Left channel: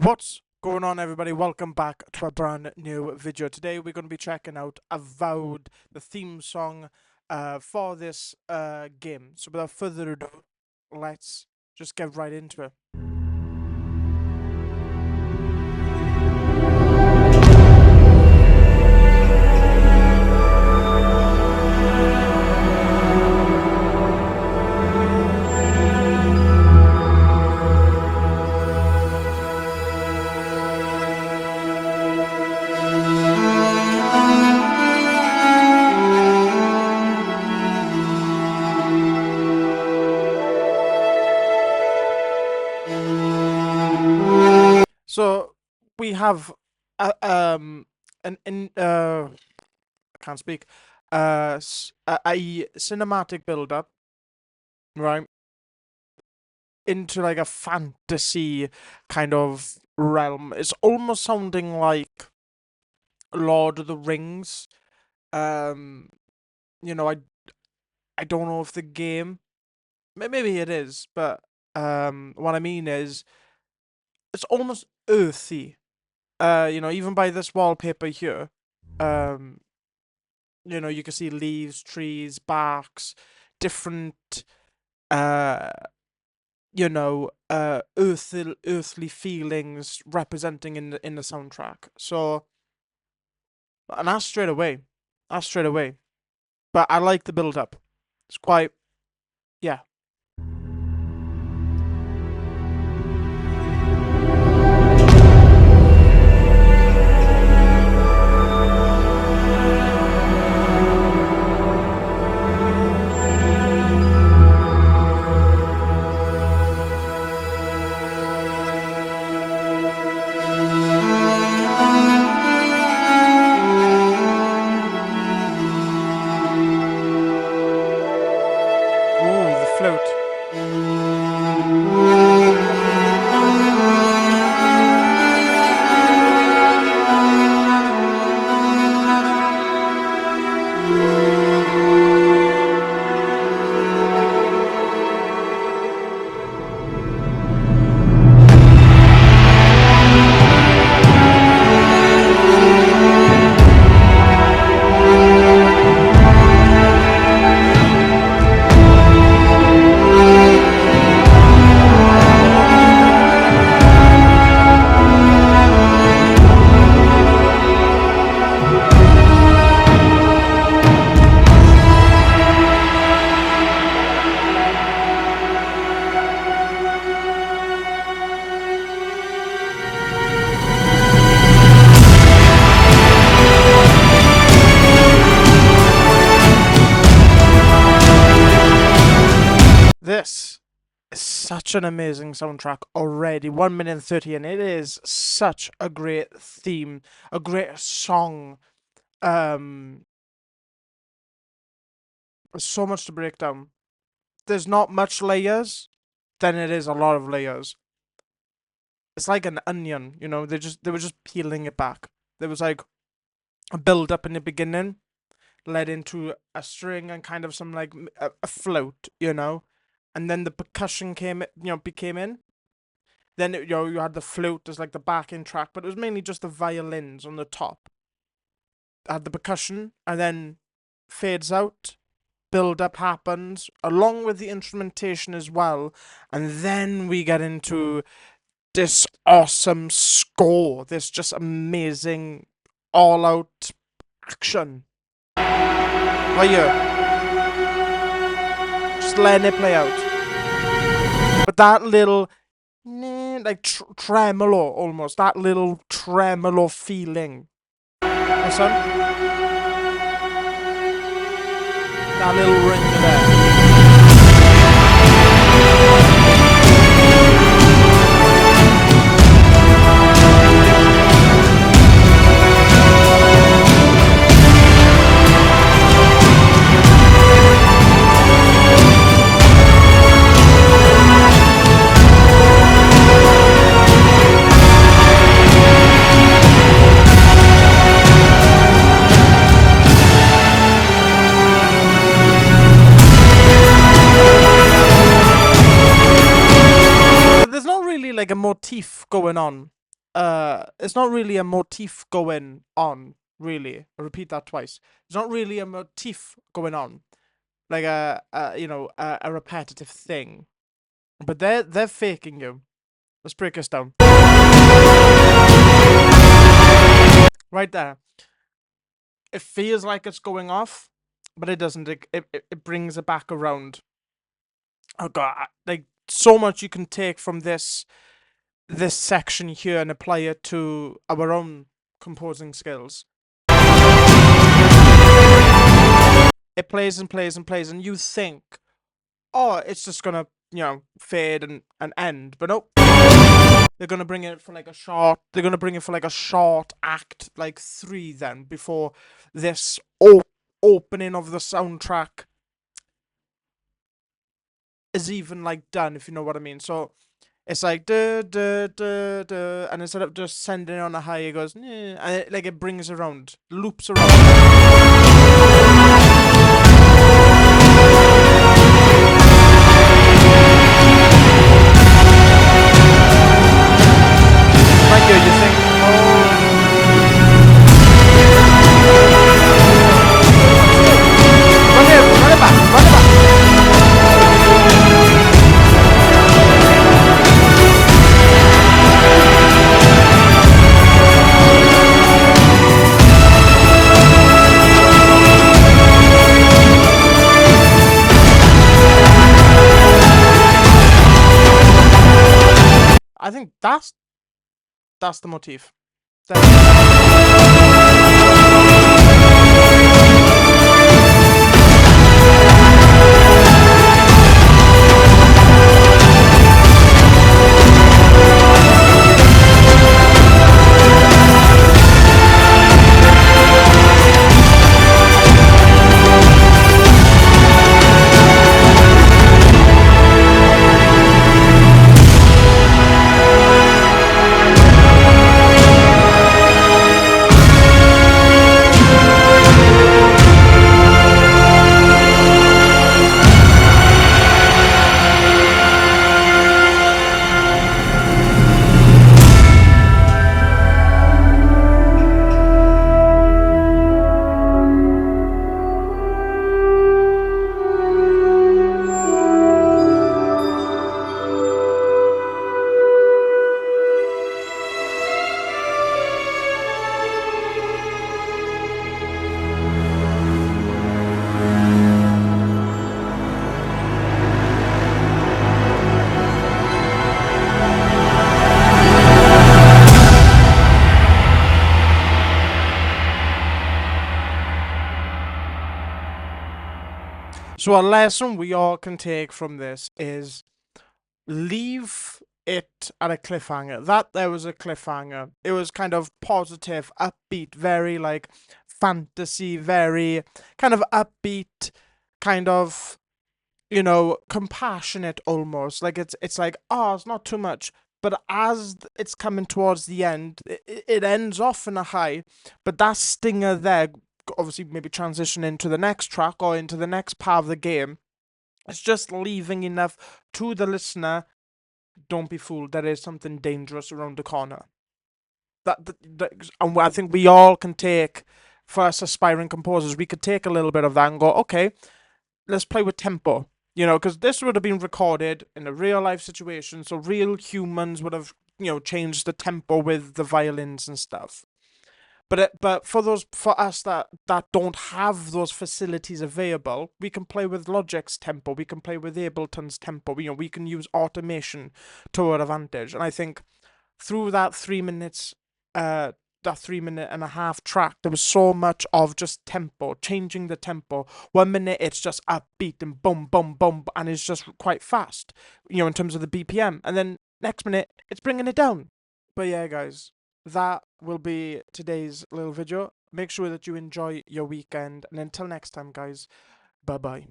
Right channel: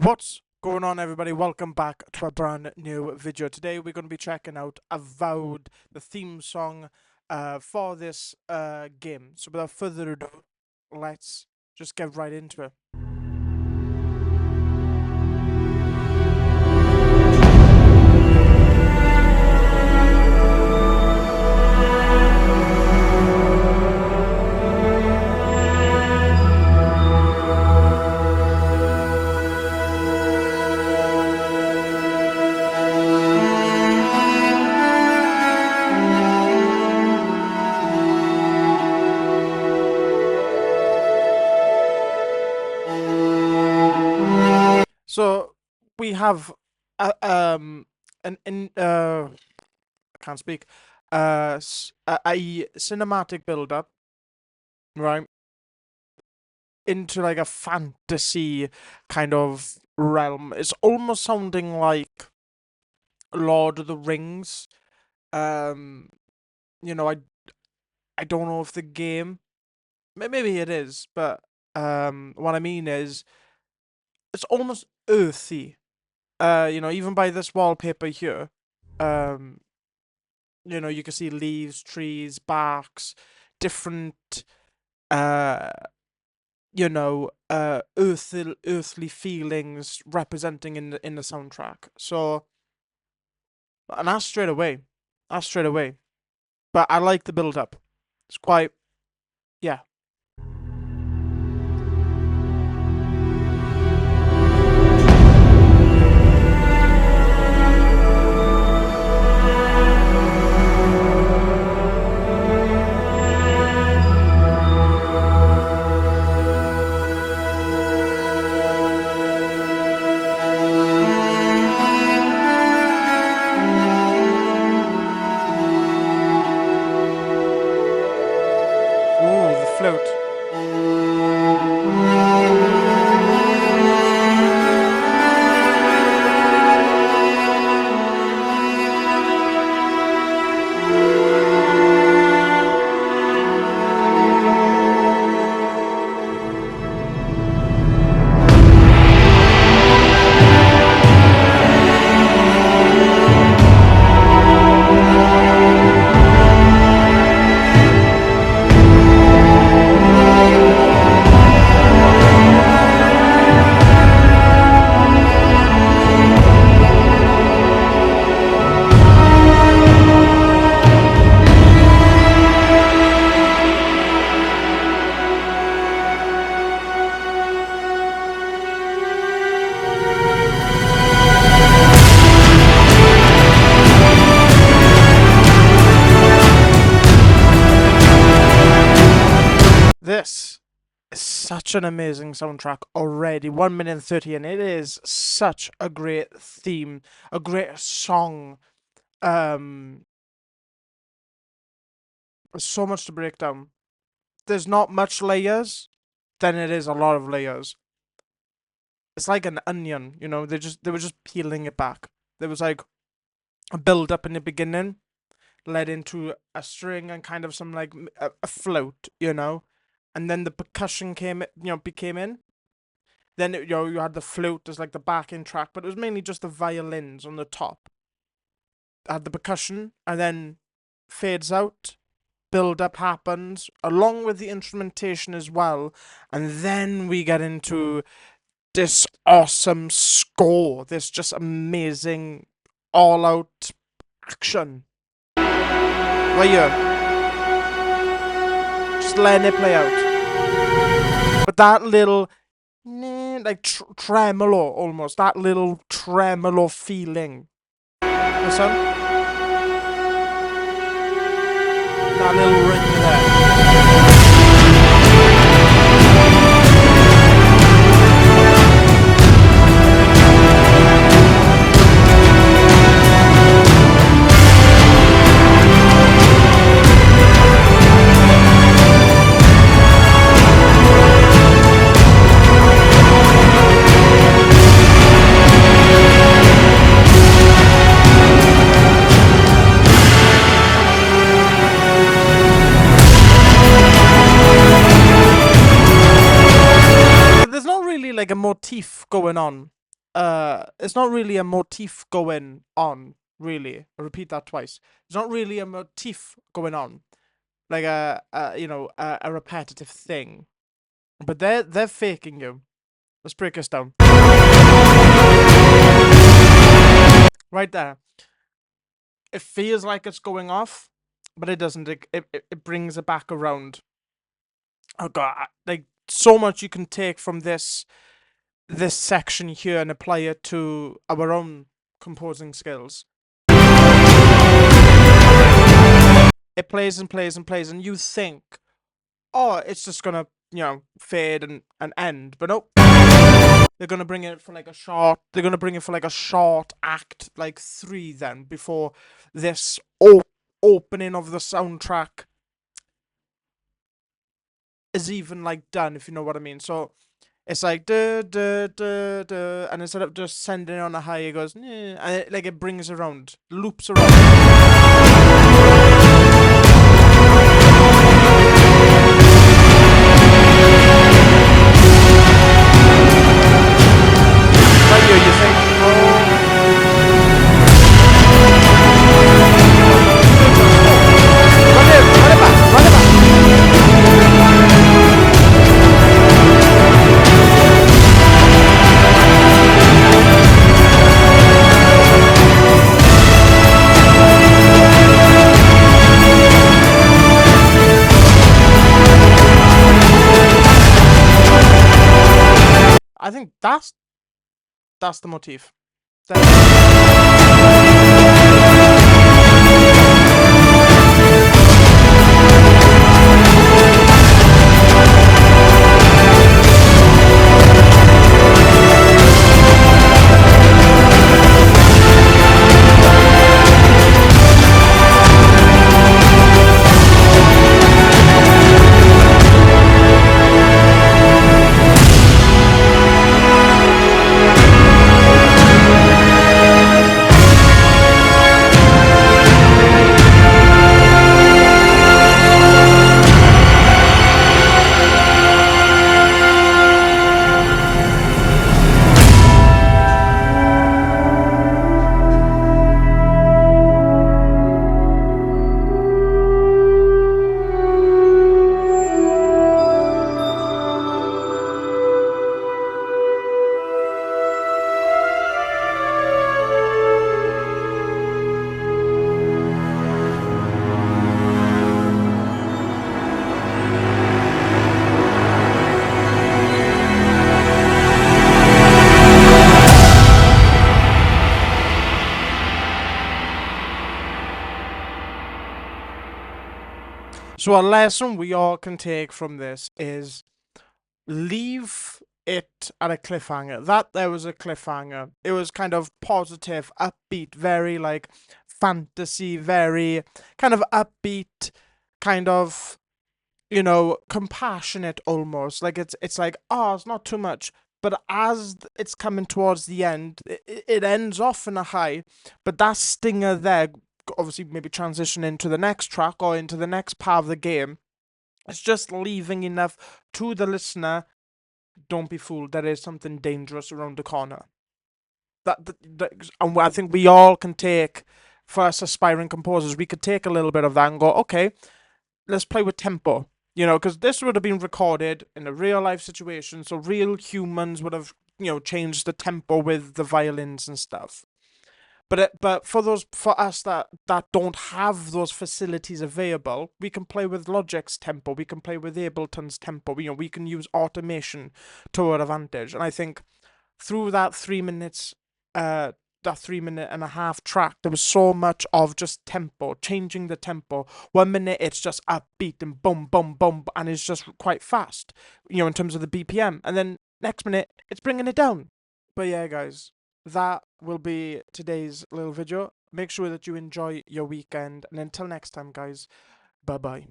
What's going on, everybody? Welcome back to a brand new video. Today we're going to be checking out Avowed, the theme song for this game. So without further ado, let's just get right into it. So we have I can't speak a cinematic build up, right, into like a fantasy kind of realm. It's almost sounding like Lord of the Rings. Um, you know, I don't know if the game, maybe it is, but what I mean is it's almost earthy. Even by this wallpaper here, um, you can see leaves, trees, barks, different, uh, earthly feelings representing in the soundtrack. So, and that's straight away. That's straight away. But I like the build up. It's quite, yeah. Ooh, the float. This is such an amazing soundtrack already. 1 minute and 30, and it is such a great theme, a great song. Um, there's so much to break down. There's not much layers, then it is a lot of layers. It's like an onion, they were just peeling it back. There was like a build up in the beginning, led into a string and kind of some like a float, and then the percussion became in. Then you had the flute as like the backing track, but it was mainly just the violins on the top. Had the percussion, and then fades out, build up happens, along with the instrumentation as well, and then we get into this awesome score, this just amazing all-out action. Right here. Just letting it play out. But that little like tremolo almost, that little tremolo feeling. Listen. That little ring there. Like a motif going on. it's not really a motif going on, really. I'll repeat that twice. It's not really a motif going on, like a repetitive thing. But they're faking you. Let's break this down. Right there. It feels like it's going off, but it doesn't. It brings it back around. Oh god, like so much you can take from this section here and apply it to our own composing skills. It plays and plays and plays, and you think, oh, it's just gonna, fade and end. But nope. They're gonna bring it for like a short. They're gonna bring it for like a short act, like 3. Then before this opening of the soundtrack is even like done, if you know what I mean. So it's like duh, duh, duh, duh, and instead of just sending it on a high, it goes and it brings around, loops around. Right here, you think, oh. Run it back, run it back. I think that's the motif. So a lesson we all can take from this is leave it at a cliffhanger. That there was a cliffhanger. It was kind of positive, upbeat, very like fantasy, very kind of upbeat, kind of compassionate almost. Like it's like, oh, it's not too much. But as it's coming towards the end, it ends off in a high. But that stinger there, obviously maybe transition into the next track or into the next part of the game. It's just leaving enough to the listener. Don't be fooled. There is something dangerous around the corner. And I think we all can take, for us aspiring composers, we could take a little bit of that and go, okay, let's play with tempo. Because this would have been recorded in a real life situation, so real humans would have, changed the tempo with the violins and stuff. But for us that don't have those facilities available, we can play with Logic's tempo, we can play with Ableton's tempo. We can use automation to our advantage. And I think through that 3 minutes, that 3 minute and a half track, there was so much of just tempo, changing the tempo. 1 minute it's just upbeat and boom, boom, boom, and it's just quite fast, in terms of the BPM. And then next minute it's bringing it down. But yeah, guys, that will be today's little video. Make sure that you enjoy your weekend, and until next time, guys, bye bye.